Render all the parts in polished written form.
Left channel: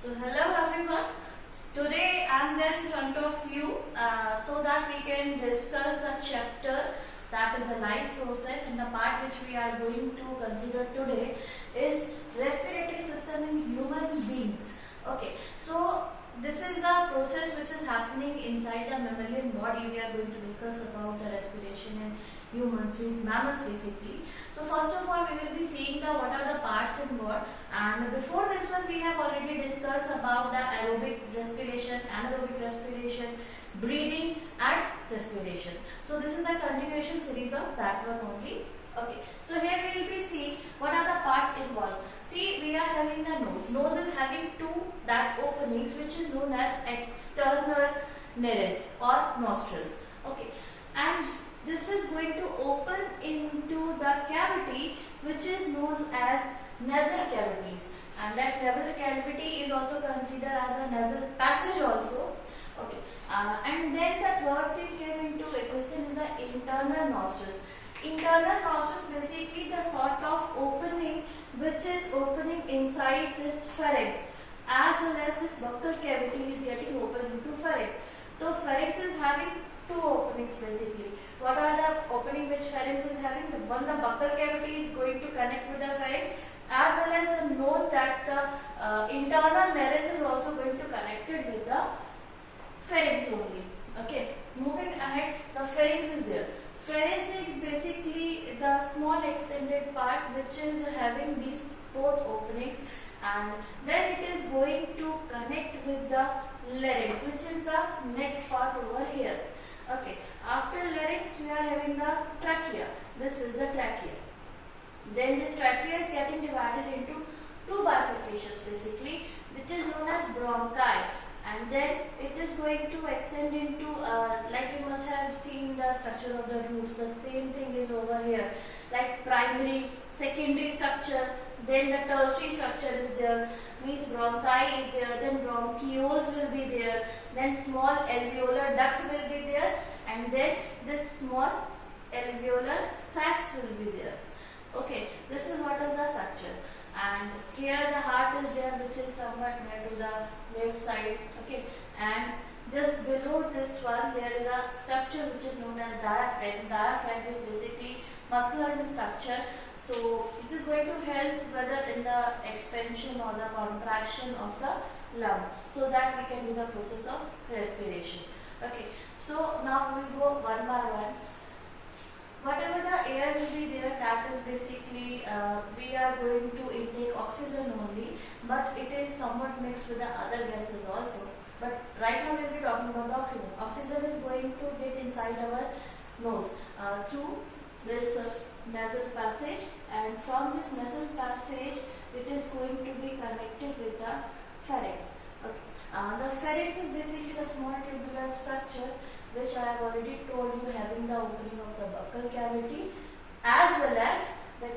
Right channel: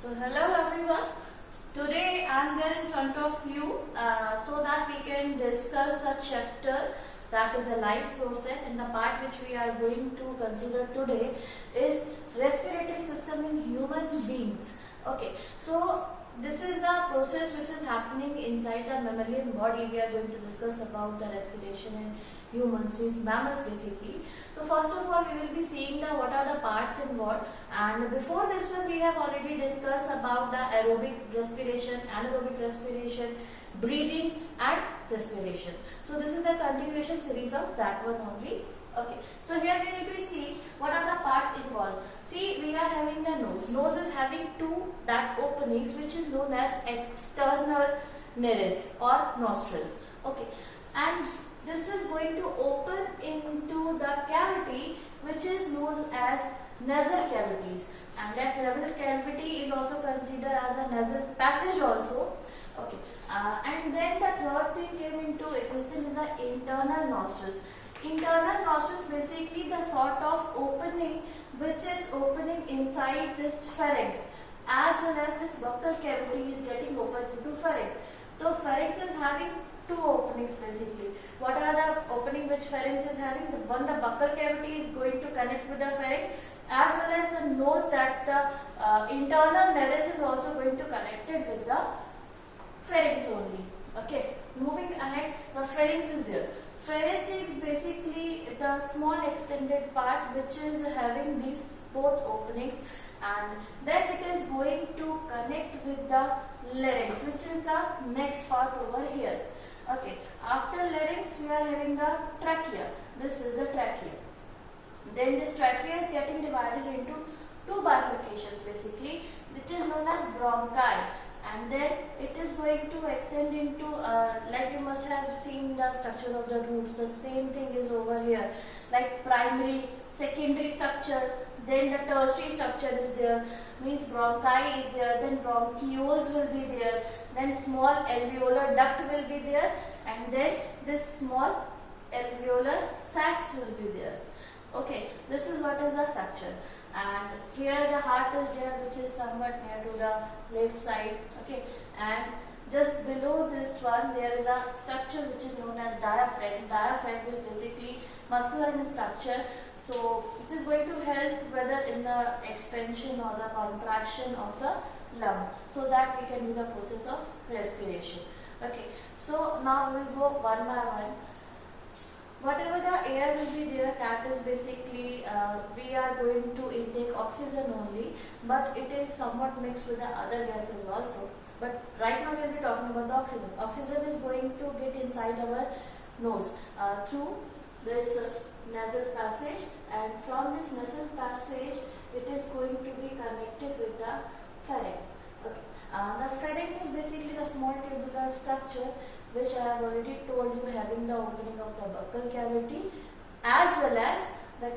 So hello everyone. Today I am there in front of you so that we can discuss the chapter that is the life process, and the part which we are going to consider today is respiratory system in human beings. Okay, so this is the process which is happening inside the mammalian body. We are going to discuss about the respiration in humans, means mammals basically. So first of all, we will be seeing the what are the parts involved, and before this one we have already discussed about the aerobic respiration, anaerobic respiration, breathing and respiration. So this is the continuation series of that one only. Okay, so here we will be seeing what are the parts involved. See, we are having the nose. Nose is having two that openings which is known as external nares or nostrils. Okay, and this is going to open into the cavity which is known as nasal cavities, and that nasal cavity is also considered as a nasal passage also. Okay, and then the third thing came into existence is the internal nostrils. Internal nostrils basically the sort of opening which is opening inside this pharynx, as well as this buccal cavity is getting open into pharynx. So pharynx is having two openings basically. What are the opening which pharynx is having? The one, the buccal cavity is going to connect with the pharynx, as well as the nose, that the internal nares is also going to connect it with the pharynx only. Okay, moving ahead, the pharynx is there. Pharynx is basically the small extended part which is having these both openings, and then it is going to connect with the larynx, which is the next part over here. Okay, after larynx we are having the trachea. This is the trachea. Then this trachea is getting divided into two bifurcations basically, which is known as bronchi, and then it is going to extend into like you must have seen the structure of the roots. The same thing is over here, like primary, secondary structure, then the tertiary structure is there, means bronchi is there, then bronchioles will be there, then small alveolar duct will be there, and then this small alveolar sacs will be there. Okay, this is what is the structure. And here the heart is there, which is somewhat near to the left side. Okay, and just below this one there is a structure which is known as diaphragm. Diaphragm is basically muscular in structure, so it is going to help whether in the expansion or the contraction of the lung, so that we can do the process of respiration. Okay, so now we will go one by one. Whatever the air will be there, that is basically we are going to intake oxygen only, but it is somewhat mixed with the other gases also. But right now we will be talking about the oxygen. Oxygen is going to get inside our nose through this nasal passage, and from this nasal passage it is going to be connected with the pharynx. Okay. The pharynx is basically the small tubular structure which I have already told you, having the opening of the buccal cavity as well as the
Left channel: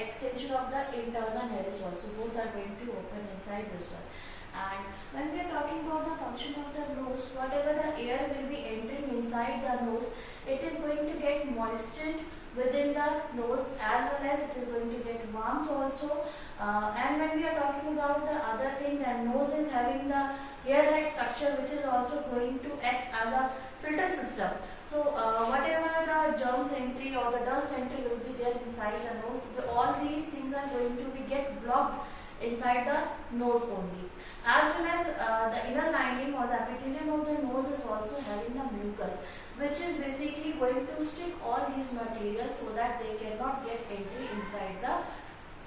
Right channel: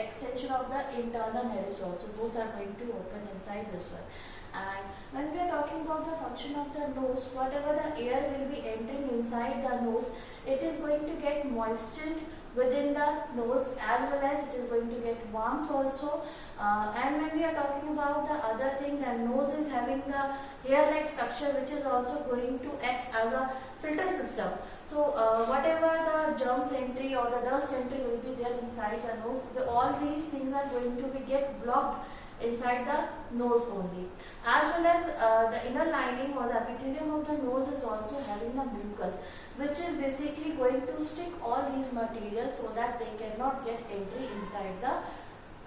extension of the internal nares also. Both are going to open inside this one. And when we are talking about the function of the nose, whatever the air will be entering inside the nose, it is going to get moistened within the nose, as well as it is going to get warmth also. And when we are talking about the other thing, the nose is having the hair-like structure which is also going to act as a filter system. So whatever the germs entry or the dust entry will be there inside the nose, all these things are going to be get blocked inside the nose only. As well as the inner lining or the epithelium of the nose is also having the mucus, which is basically going to stick all these materials so that they cannot get entry inside the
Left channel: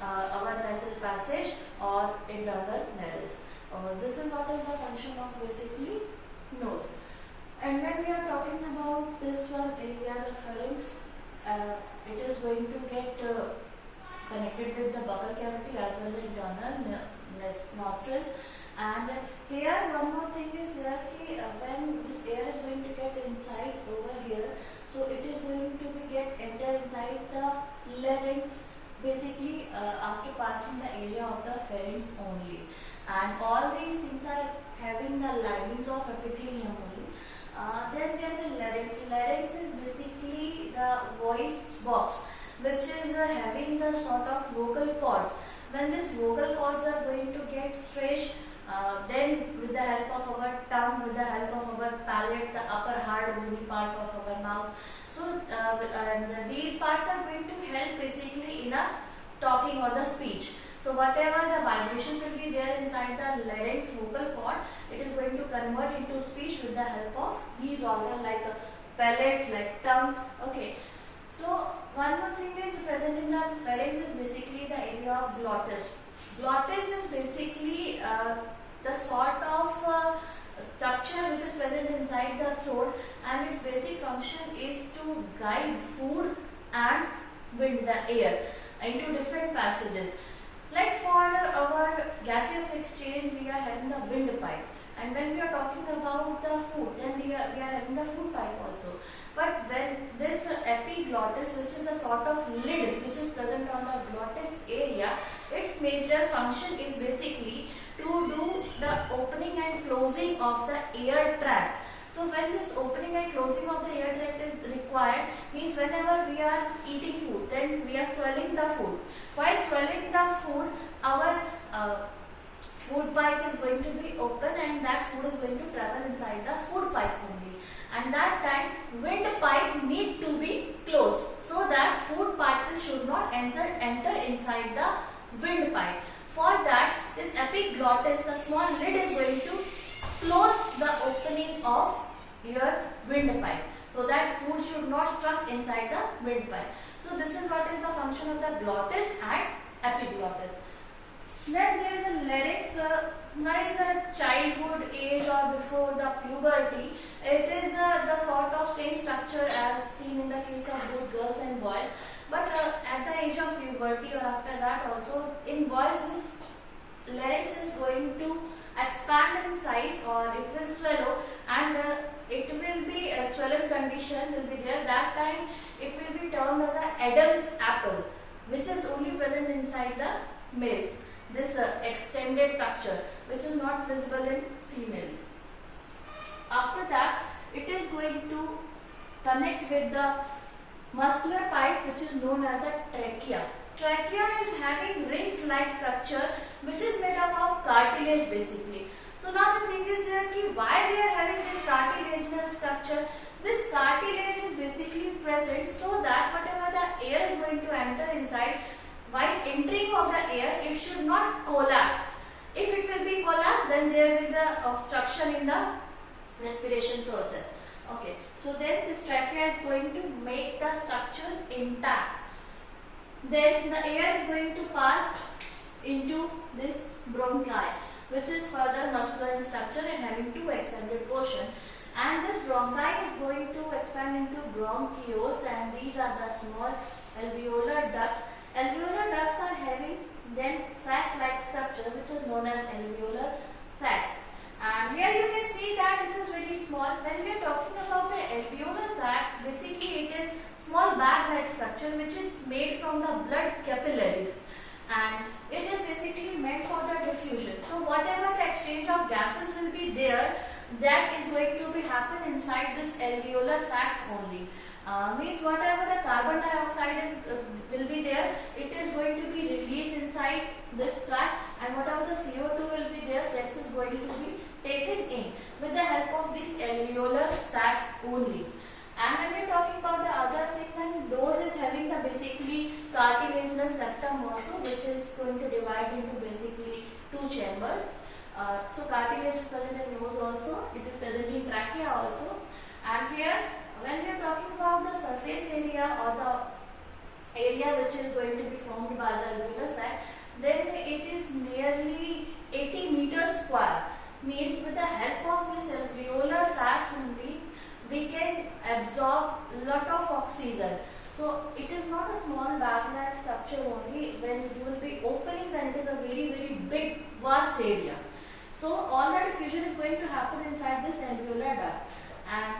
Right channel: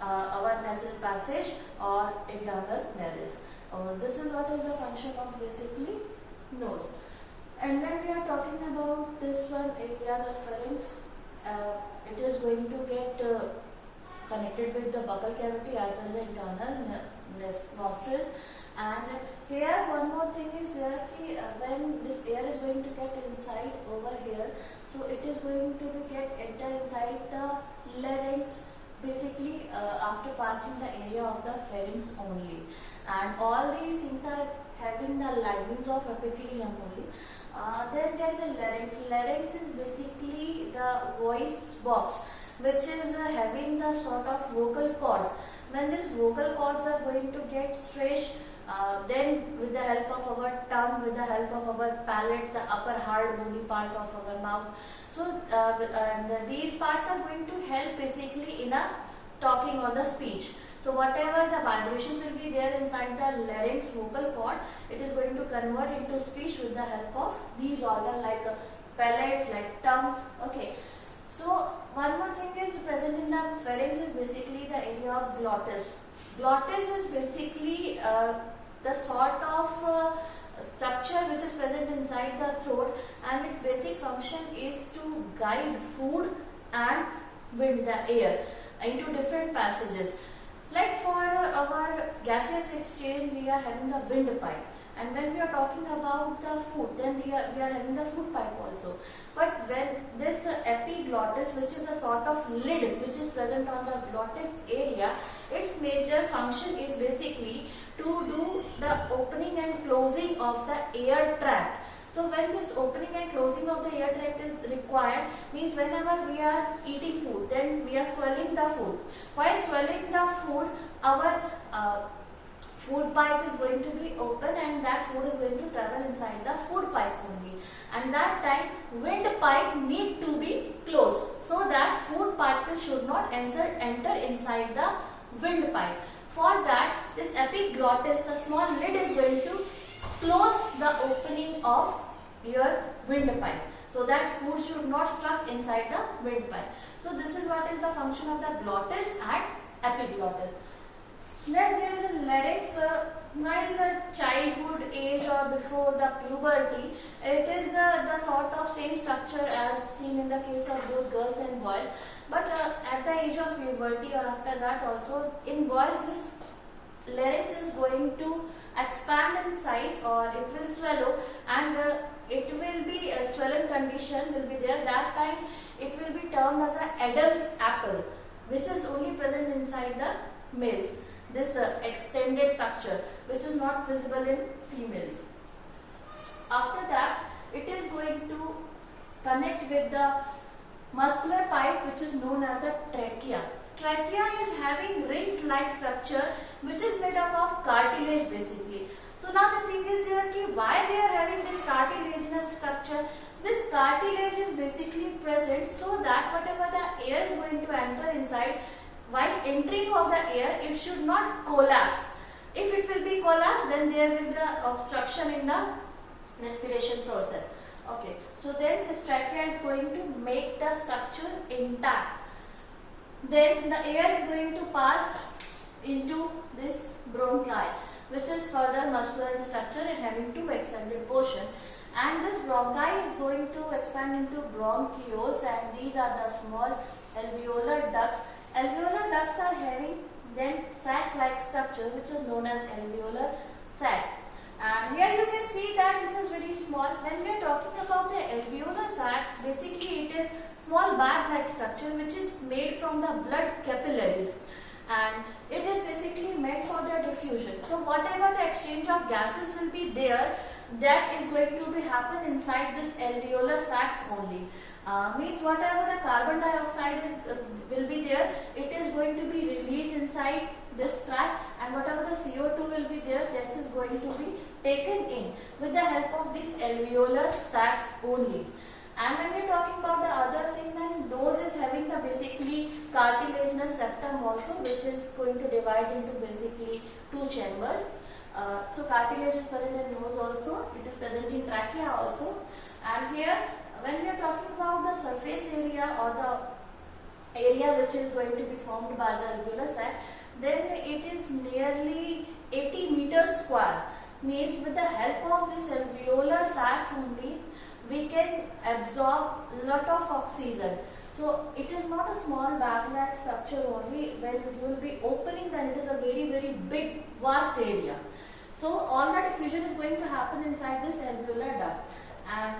our nasal passage or internal nares. This is what is the function of basically nose. And when we are talking about this one area, the pharynx, it is going to get connected with the buccal cavity as well as the internal nostrils. And here one more thing is there, when this air is going to get inside over here, so it is going to be get enter inside the larynx basically after passing the area of the pharynx only. And all these things are having the linings of epithelium only. Then there is a larynx. Larynx is basically the voice box which is having the sort of vocal cords when these vocal cords are going to get stretched, then with the help of our tongue, with the help of our palate, the upper hard bony part of our mouth. So and these parts are going to help basically in a talking or the speech. So whatever the vibration will be there inside the larynx vocal cord, it is going to convert into speech with the help of these organs like a palate, like tongue. Okay. So one more thing is present in the pharynx is basically the area of glottis. Glottis is basically the sort of structure which is present inside the throat, and its basic function is to guide food and wind, the air, into different passages. Like for our gaseous exchange, we are having the windpipe, and when we are talking about the food, then we are having the food pipe also. But when this epiglottis, which is the sort of lid which is present on the glottis area, its major function is basically to do the opening and closing of the air tract. So when this opening and closing of the air tract is required, means whenever we are eating food, then we are swallowing the food. While swallowing the food, our food pipe is going to be open, and that food is going to travel inside the food pipe only. And that time windpipe need to be closed so that food particles should not enter inside the windpipe. For that, this epiglottis, the small lid, is going to close the opening of your windpipe so that food should not stuck inside the windpipe. So this is what is the function of the glottis and epiglottis. Then there is a larynx. While the childhood age or before the puberty, it is the sort of same structure as seen in the case of both girls and boys. But at the age of puberty or after that also, in boys this larynx is going to expand in size, or it will swallow, and it will be a swollen condition will be there. That time it will be termed as a Adam's apple, which is only present inside the males. This extended structure which is not visible in females. After that, it is going to connect with the muscular pipe which is known as a trachea. Trachea is having ring-like structure which is made up of cartilage basically. So now the thing is there ki why they are having this cartilaginous structure. This cartilage is basically present so that whatever the air is going to enter inside, while entering of the air, it should not collapse. If it will be collapsed, then there will be obstruction in the respiration process. Okay, so then this trachea is going to make the structure intact. Then the air is going to pass into this bronchi, which is further muscular in structure and having two extended portions. And this bronchi is going to expand into bronchioles, and these are the small alveolar ducts. Alveolar ducts are having then sac-like structure which is known as alveolar sac. And here you can see that this is very small. When we are talking about the alveolar sac, basically it is small bag-like structure which is made from the blood capillaries, and it is basically meant for the diffusion. So whatever the exchange of gases will be there, that is going to be happen inside this alveolar sacs only. Means whatever the carbon dioxide is will be there, it is going to be released inside this tract, and whatever the CO2 will be there, that is going to be taken in with the help of these alveolar sacs only. And when we are talking about the other things, then nose is having the basically cartilaginous septum also, which is going to divide into basically two chambers. So cartilage is present in nose also, it is present in trachea also. And here when we are talking about the surface area or the area which is going to be formed by the alveolar sac, then it is nearly 80 meters square. Means with the help of this alveolar sacs only, we can absorb lot of oxygen. So it is not a small bag-like structure only. When you will be opening, then it is a very big vast area. So all the diffusion is going to happen inside this alveolar duct, and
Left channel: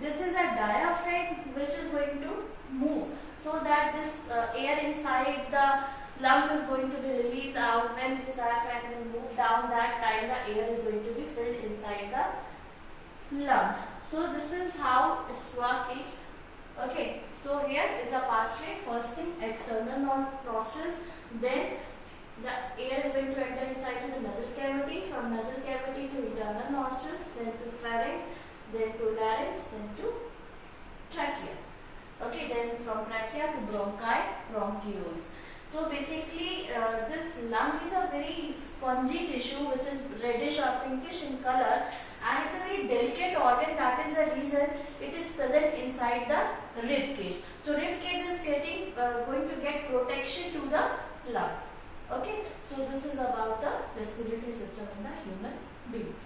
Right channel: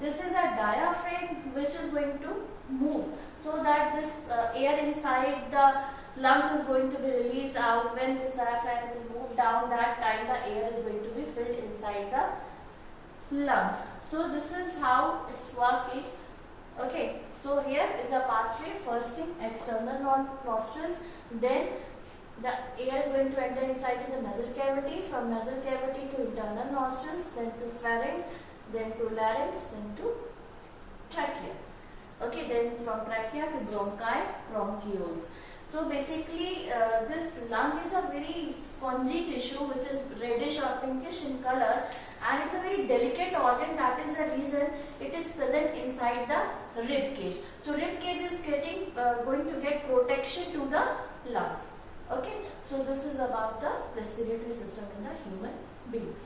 this is a diaphragm which is going to move so that this air inside the lungs is going to be released out. When this diaphragm will move down, that time the air is going to be filled inside the lungs. So this is how it's working. Okay, so here is a pathway. First thing, external nostrils, then the air is going to enter inside to the nasal cavity, from nasal cavity to internal nostrils, then to pharynx, then to larynx, then to trachea. Okay, then from trachea to bronchi, bronchioles. So basically this lung is a very spongy tissue which is reddish or pinkish in color, and it's a very delicate organ. That is the reason it is present inside the rib cage. So rib cage is going to get protection to the lungs. Okay, so this is about the respiratory system in the human beings.